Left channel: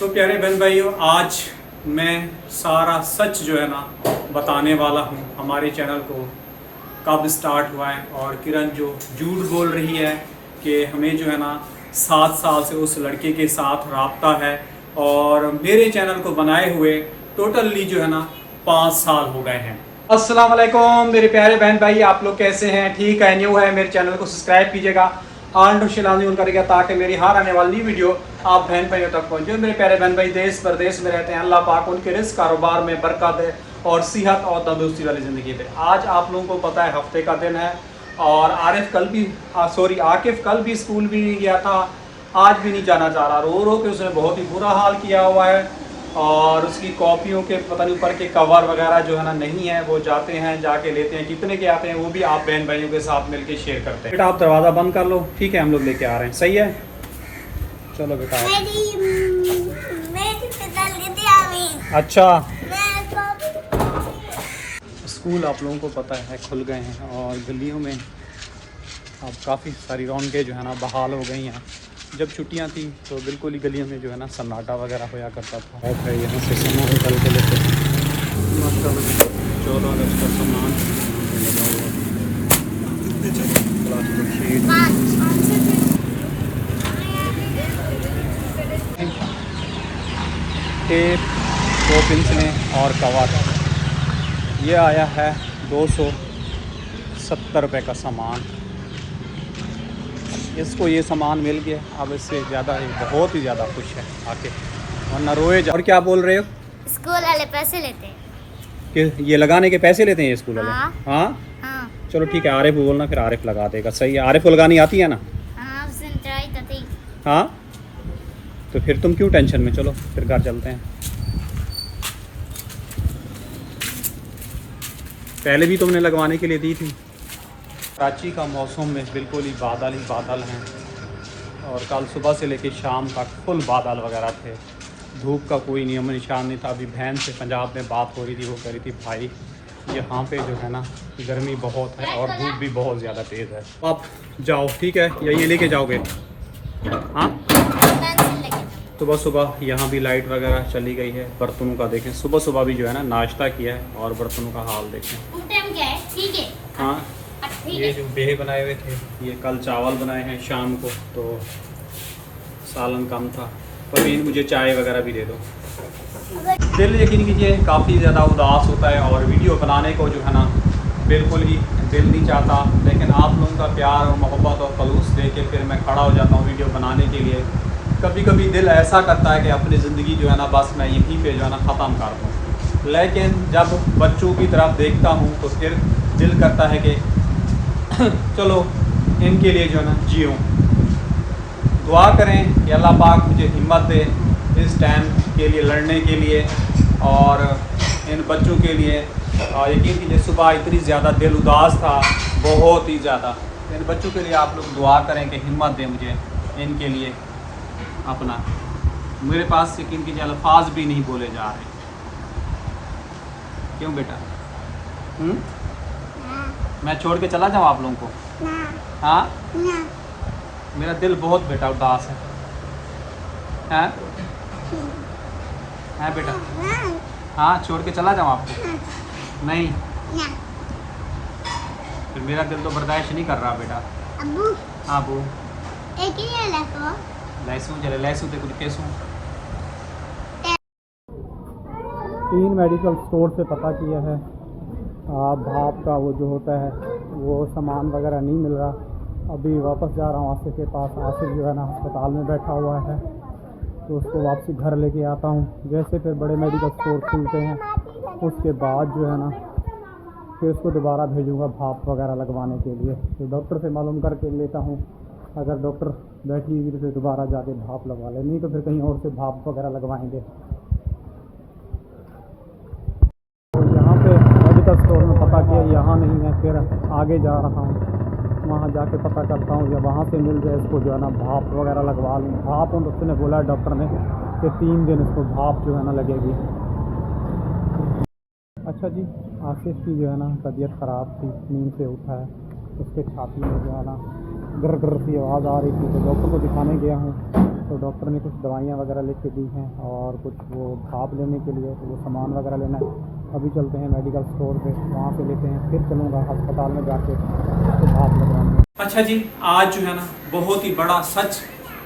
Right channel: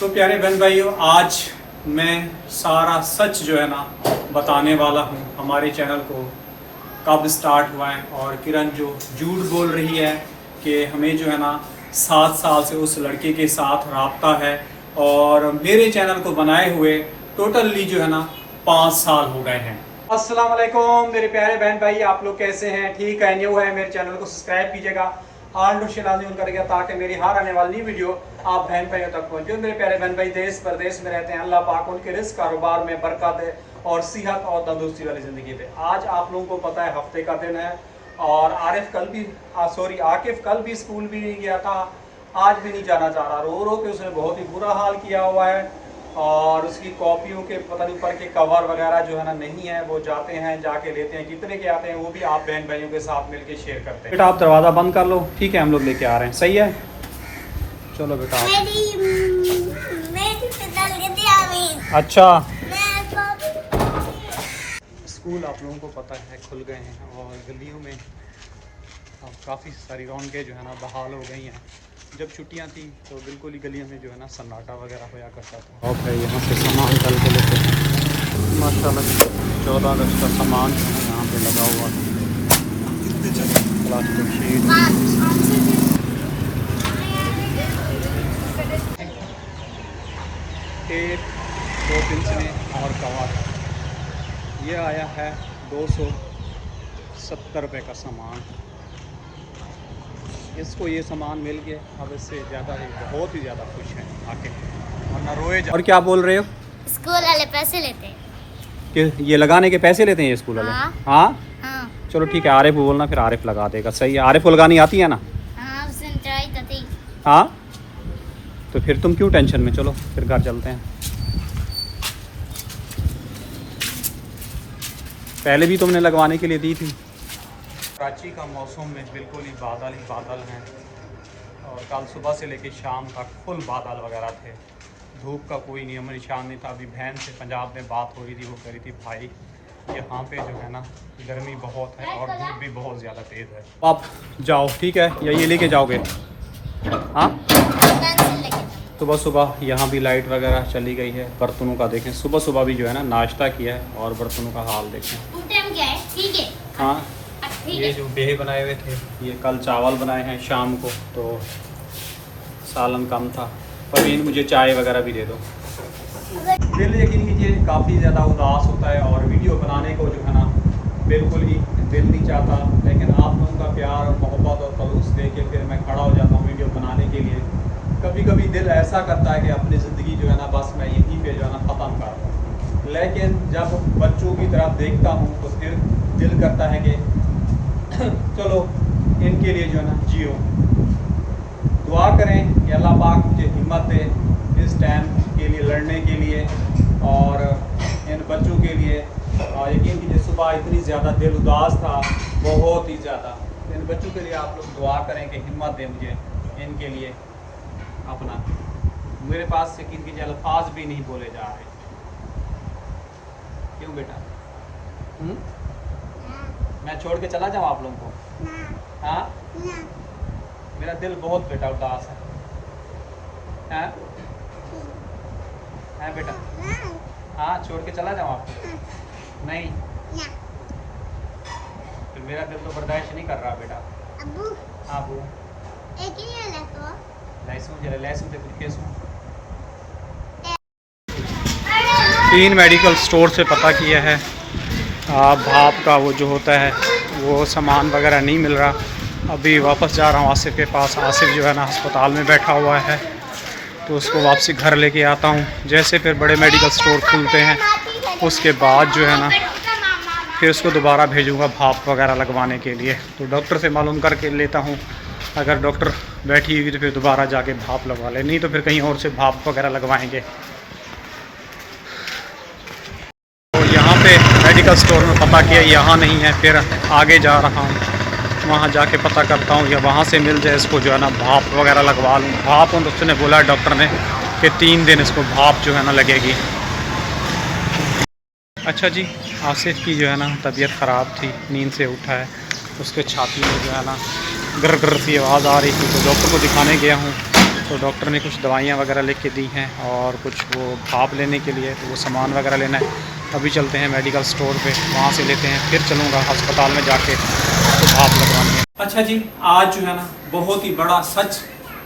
तो प्यारे बहन भाइयों, आज मैं सारा सच जो है ना बताने वाला हूँ। हमारे चैनल को कब स्टार्ट हुआ है और किरण जो झूठ बोल रही है कि हमें जो है ना 7 साल से उस लड़के के साथ राब्ता है और मेरे चैनल को बनाए हुए टोटली जो है ना 5 साल हो गए हैं। अस्सलाम वालेकुम मेरे प्यारे बहन भाई, आप लोग कैसे हैं? ठीक है, न्यू है, मेरे चैनल को सब्सक्राइब कीजिएगा और नोटिफिकेशन करिएगा ताकि मेरी हर आने वाली नई वीडियो आप बहन भाइयों तक पहुंचे। मेरे प्यारे बहन भाई देश प्रदेश में रहते हैं, अल्लाह पाक उनके रिस्क कारोबार में बरकत दे और सेहत और तंदुरुस्ती वाली ज़िंदगी दे। आज आप लोगों को पता है हफ्ते का दिन है और आकिफ कल भी स्कूल भी नहीं गया था, आज भी नहीं जाना चाह रहा। रो रो के उसने बहुत ही बुरा हाल किया हुआ है और उसकी कॉपियों के पता नहीं ऊपर के कवर वगैरह जो है ना नहीं है, वो जाते हैं जाके लेते हैं, कितने के आते हैं वो भी आप बहन भाइयों के साथ मिलके शेयर करते हैं। बेटा आप दरवाज़ा बंद कर लो, ठीक है, हम लोग लेके आ रहे हैं, सही है? चलो बेटा। अच्छा, स्कूल आप लोगों को पता है खुल गए हैं और गलियों में अब काफ़ी सारी रौनकें जो है ना बहाल हो गई हैं। जब छुट्टियां थी तो बिल्कुल ही गलियों में जो है ना सन्नाटा वगैरह होया करता था। और यहाँ से सामान निकल के लेते हैं माशाल्लाह। 14 अगस्त का सामान यहाँ पे लगा हुआ, प्लास्टिक शीट, टेप, 2 पेंसिलें और कवर। ये आया है 270 रुपये का सामान। इसको ये सामान मिल गया, अब इससे ज़्यादा बहुत ही ज़्यादा खुश है आके, वरना रोए जा। और क्या बोल रहे हो? स्कूल वाले पैसे लेते हैं कि ये लगाने के पैसे लेते हैं ये स्कूल वाले? हाँ? हाँ? हाँ। चलो ठीक है, आरिफ को बोलना, फिर आरिफ लगा देगा। सही है, आरिफ को लगानी आती है ना? हाँ, उसने ट्राई तो थी। हाँ, तो फिर तुम क्यों टेंशन में, चलो फिर घर चलते हैं। पहले भी तुमने लगवाने के लिए दी थी। कराची का मौसम में बिल्कुल ही बादल हैं और कल सुबह से लेकर शाम तक फुल बादल वगैरह थे, धूप का कोई नियम निशान नहीं था। अभी बहन से पंजाब में बात हो रही थी, वो कह रही थी भाई यहाँ पे जो है ना गर्मी बहुत है और धूप भी बहुत ज़्यादा तेज़ है। आप जाओ, ठीक है, या ये लेके जाओगे? हाँ, सुबह सुबह यहाँ भी लाइट वगैरह चली गई है। बर्तनों का देखें, सुबह सुबह भी जो है ना नाश्ता किया है और बर्तनों का हाल देखें। ठीक है। हाँ, ये जो बेहे बनाए हुए थे, ये कल चावल बनाए हैं शाम को, तो सालन कम था। परवीन मुझे चाय वगैरह भी दे दो। दिल यकीन कीजिए काफ़ी ज़्यादा उदास होता है और वीडियो बनाने को जो है ना बिल्कुल ही दिल नहीं चाहता, लेकिन आप लोगों का प्यार और मोहब्बत और खलूस दे के फिर मैं खड़ा हो जाता हूँ वीडियो बनाने के लिए। कभी कभी दिल ऐसा करता है कि अपनी ज़िंदगी जो है ना बस मैं यहीं पे जो है ना ख़त्म कर दूँ, लेकिन जब बच्चों की तरफ देखता हूँ तो फिर दिल करता है कि चलो इनके लिए जो है ना जियो। दुआ करें कि अल्लाह पाक मुझे हिम्मत दे इस टाइम के लिए लड़ने के लिए और इन बच्चों के लिए। यकीन कीजिए सुबह इतनी ज़्यादा दिल उदास था, बहुत ही ज़्यादा। इन बच्चों के लिए आप लोग दुआ करें कि हिम्मत दें मुझे इनके लिए अपना। मेरे पास यकीन कीजिए अल्फाज भी नहीं बोले जा रहे। क्यों बेटा? मैं छोड़ के चला जाऊँ आप लोगों को? हाँ, मेरा दिल बहुत बेटा उदास है। हाँ? है बेटा? हाँ, छोड़ के चला जाऊँ आपको? नहीं, फिर मेरा दिल तो बर्दाश्त नहीं कर रहा बेटा। अब्बू। हाँ अबू। लहसुन चले लहसुन थे कुछ केसू। 3 मेडिकल स्टोर से पता किया है, भाप का वो जो होता है वो सामान वगैरह नहीं मिल रहा। अभी वापस जा रहा हूँ आसिफ के पास। आसिफ जो है ना अस्पताल में बैठा हुआ है, तो उसको वापसी घर लेके आता हूँ। जैसे फिर बड़े मेडिकल स्टोर खुलते हैं उसके बाद जो है ना फिर उसको दोबारा भेजूँगा भाप वगैरह लगवाने के लिए। तो डॉक्टर से मालूम करके लेता हूँ, अगर डॉक्टर बैठी हुई तो फिर दोबारा जाके भाप लगवा ले, नहीं तो फिर कहीं और से भाप वगैरह लगवाएंगे। मेडिकल स्टोर में पता किया, यहाँ नहीं है, फिर आगे जा रहा हूँ, वहाँ जाके पता करता हूँ या वहाँ से मिल जाए इसको जो है ना भाप वगैरह लगवा लूँ। भाप तो उसने बोला डॉक्टर ने कि 3 दिन इसको भाप जो है ना लगेगी। अच्छा जी, आसिफ की जो है ना तबीयत ख़राब थी, नींद से उठा है, उसके छाती में जो है ना गर गर सी आवाज़ आ रही थी, तो डॉक्टर को दिखाने गया हूँ। तो डॉक्टर ने कुछ दवाइयाँ वगैरह लिख के दी हैं और कुछ वो भाप लेने के लिए, तो वो सामान वगैरह लेना है। अभी चलते हैं मेडिकल स्टोर पे, वहाँ से लेते हैं, फिर चलूँगा अस्पताल में जाके तो भाप लगवानी है। अच्छा जी, आज जो है ना बहुत ही बड़ा सच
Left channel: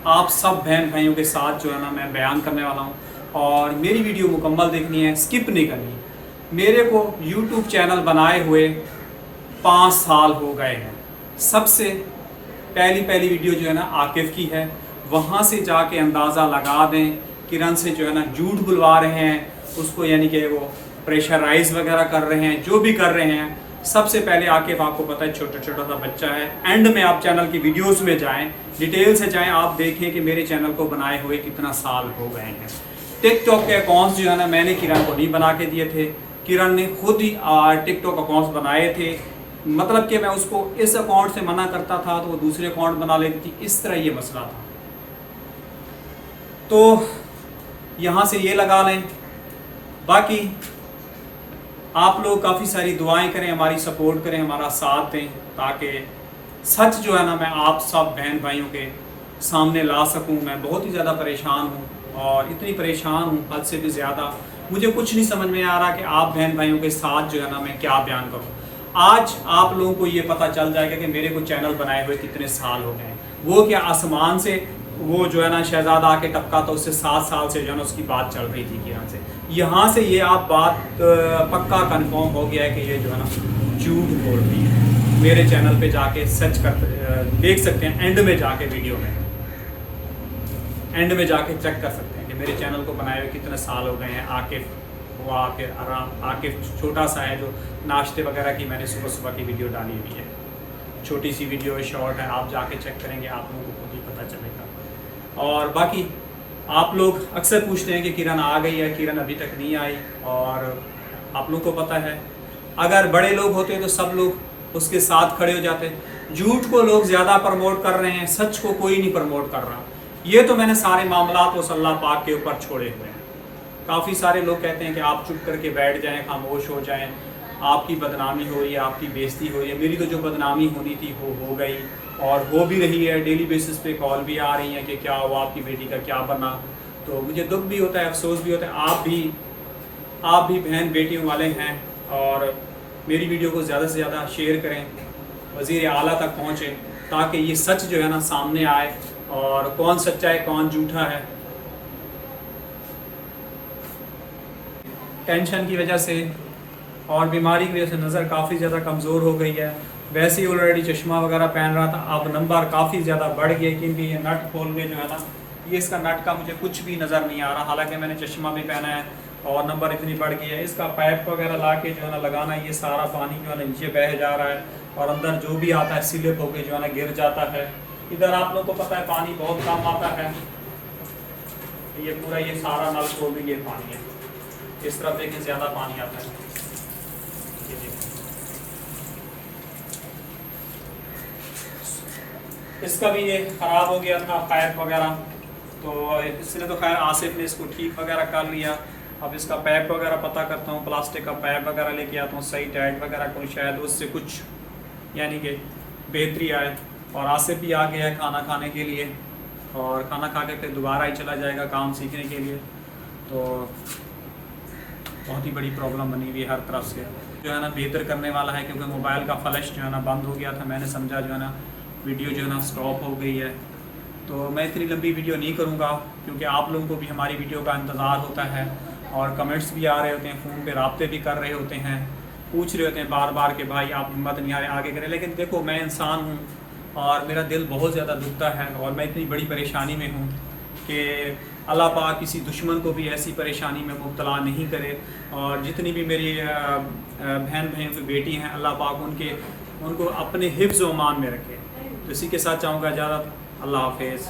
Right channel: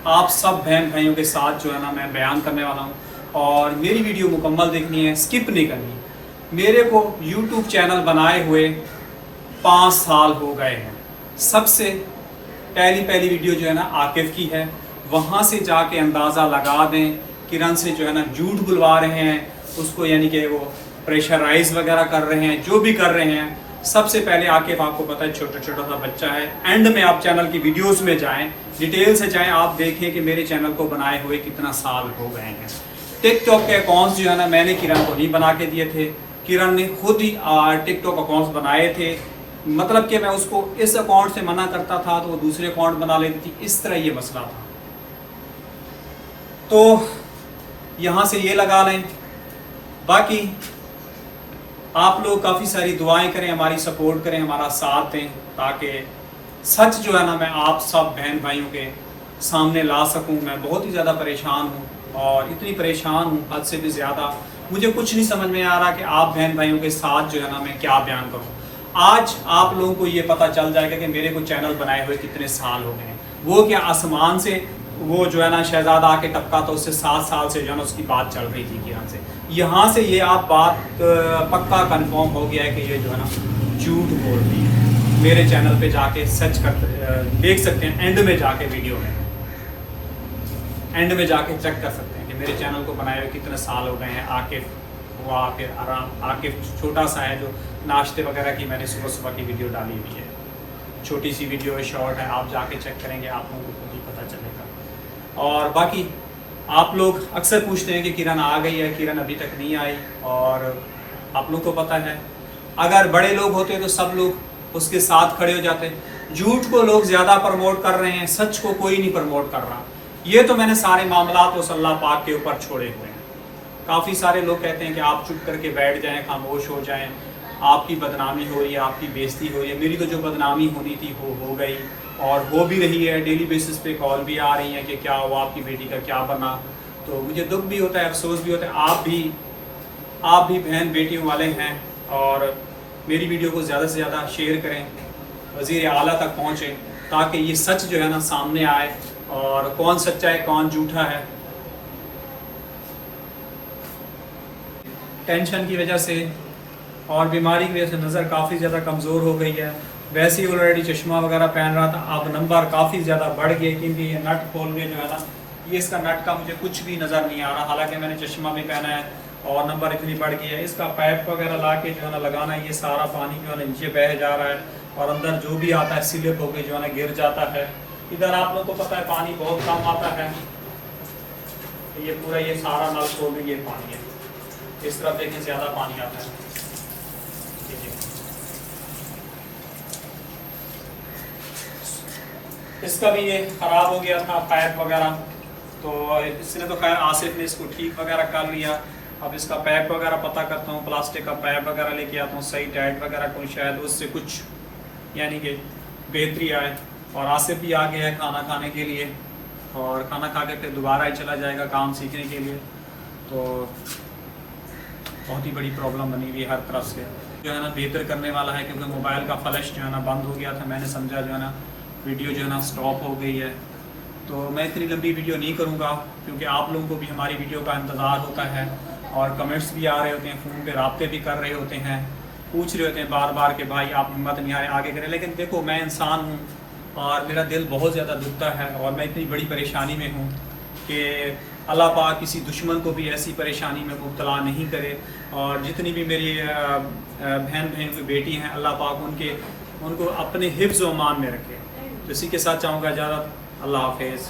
आप सब बहन भाइयों के साथ जो है ना मैं बयान करने वाला हूँ, और मेरी वीडियो मुकम्मल देखनी है, स्किप नहीं करनी। मेरे को YouTube चैनल बनाए हुए 5 साल हो गए हैं। सबसे पहली वीडियो जो है ना आकिफ की है, वहाँ से जाके अंदाज़ा लगा दें किरण से जो है ना झूठ बुलवा रहे हैं उसको, यानी कि वो प्रेशराइज वगैरह कर रहे हैं, जो भी कर रहे हैं। सबसे पहले आकिफ आपको पता है छोटा छोटा सा बच्चा है। एंड में आप चैनल की वीडियोस में जाएं, डिटेल से जाएं, आप देखें कि मेरे चैनल को बनाए हुए कितना साल हो गए हैं। टिकटॉक के अकाउंट्स जो है ना मैंने किरण को नहीं बना के दिए थे, किरण ने खुद ही टिकटॉक अकाउंट्स बनाए थे। मतलब कि मैं उसको इस अकाउंट से मना करता था तो वो दूसरे अकाउंट बना लेती थी, इस तरह ये मसला था। तो यहाँ से ये लगा लें। बाकी आप लोग काफ़ी सारी दुआएं करें, हमारी सपोर्ट करें, हमारा साथ दें, ताकि सच जो है ना मैं आप सब बहन भाइयों के सामने ला सकूं। मैं बहुत ही ज़्यादा परेशान हूं, और इतनी परेशान हूं हद से भी ज़्यादा, मुझे कुछ नहीं समझ में आ रहा कि आप बहन भाइयों के साथ जो है ना मैं क्या बयान करूं। आज आप लोगों को ये पता चल जाएगा कि मेरे को चैनल बनाए हुए कितने साल हो गए। वो क्या आसमान से वो जो है ना शहजादा आके टपका, तो उससे 7 साल से जो है ना उसकी बात चल रही थी यहाँ से। यहाँ से ये आप बात पक्का कंफर्म हो गया है कि ये जो है ना झूठ बोल रही है। मेरे चैनल पे जाके सर्च कर देख सकते हैं, एंड में जाके वीडियो में एंड में जाके चेक कर सकते हैं कि मेरे चैनल को बनाए हुए कितने साल हो गए हैं। आकिफ हुआ, फिर आराम आकिफ छोटा सा है जो नाश्ते वगैरह की मैंने सुबह सुबह की वीडियो डाली हुई है, छोटी सी वीडियो है, शॉर्ट है, आप जाके चेक करेंगे आप लोगों को खुद ही पता चलेगा। और बाकी आप लोग अक्सर पूछते हैं कि किरण आ गई है, किरण अभी तक नहीं आई, और आप लोगों को पता है अगर बड़े लोग होते तो सब लोग उसके साथ खड़े हो जाते। झूठ को लोग ज़्यादा प्रमोट कर रहे हैं, सच को कोई नहीं प्रमोट कर रहा। ये तो मैंने सारे मामला तो अल्लाह पाक के ऊपर छोड़े हुए हैं। काफ़ी सारे लोग कहते हैं कि आप चुप करके बैठ जाएं, खामोश हो जाएं, आपकी बदनामी हो रही है, आपकी बेइज्जती हो रही है। मेरी तो जो बदनामी होनी थी वो हो गई, और हो भी रही है। डेली बेसिस पे कॉल भी आ रही है कि क्या हुआ, आपकी बेटी का क्या बना। तो मुझे दुख भी होता है, अफसोस भी होता है। आप भी बहन बेटियों वाले हैं, और मेरी वीडियो को ज़्यादा से ज़्यादा शेयर करें, वज़ीर आला तक पहुँचे, ताकि ये सच जो है ना सामने आए, और कौन सच्चा है कौन झूठा है। टेंशन की वजह से और बीमारी की वजह से नज़र काफ़ी ज़्यादा कमज़ोर हो गई है। वैसे ही ऑलरेडी चश्मा वगैरह पहन रहा था, अब नंबर काफ़ी ज़्यादा बढ़ गए, क्योंकि ये नट खोल के जो है ना, ये इसका नट का मुझे कुछ भी नज़र नहीं आ रहा, हालांकि मैंने चश्मा भी पहना है, और नंबर इतनी बढ़ गई है। इसका पाइप वगैरह ला के जो है ना लगाना, ये सारा पानी जो है ना नीचे बह जा रहा है, और अंदर जो भी आता है स्लिप होकर जो है ना गिर जाता है। इधर आप लोग को पता है पानी बहुत कम आता है, ये पूरा ये सारा नल खोल के ये पानी है, इस तरफ देखें ज़्यादा पानी आता है। इसका भी ये ख़राब हो गया था पाइप वगैरह, तो इसने तो खैर आसिफ ने इसको ठीक वगैरह कर लिया। अब इसका पाइप वगैरह पता करता हूँ, प्लास्टिक का पाइप वगैरह लेके आता हूँ, सही टाइट वगैरह को, शायद उससे कुछ यानी कि बेहतरी आए। और आसिफ भी आ गया है खाना खाने के लिए, और खाना खा के फिर दोबारा ही चला जाएगा काम सीखने के लिए। तो बहुत ही बड़ी प्रॉब्लम बनी हुई है हर तरफ से, जो है ना बेहतर करने वाला है, क्योंकि मोबाइल का फ्लैश जो है ना बंद हो गया था। मैंने समझा जो है ना वीडियो जो है ना स्टॉप हो गई है, तो मैं इतनी लंबी वीडियो नहीं करूँगा, क्योंकि आप लोगों को भी हमारी वीडियो का इंतज़ार होता है, और कमेंट्स भी आ रहे होते हैं, फ़ोन पे राब्ते भी कर रहे होते हैं, पूछ रहे होते हैं बार बार कि भाई आप हिम्मत नहीं आ रहे आगे करें। लेकिन देखो मैं इंसान हूँ, और मेरा दिल बहुत ज़्यादा दुखता है, और मैं इतनी बड़ी परेशानी में हूँ कि अल्लाह पाक किसी दुश्मन को भी ऐसी परेशानी में मुब्तला नहीं करे। और जितनी भी मेरी बहन की बेटी हैं, अल्लाह पाक उनको अपने हिफ्ज़ व अमान में रखे। तो इसी के साथ चाहूँगा इजाज़त, अल्लाह हाफिज़।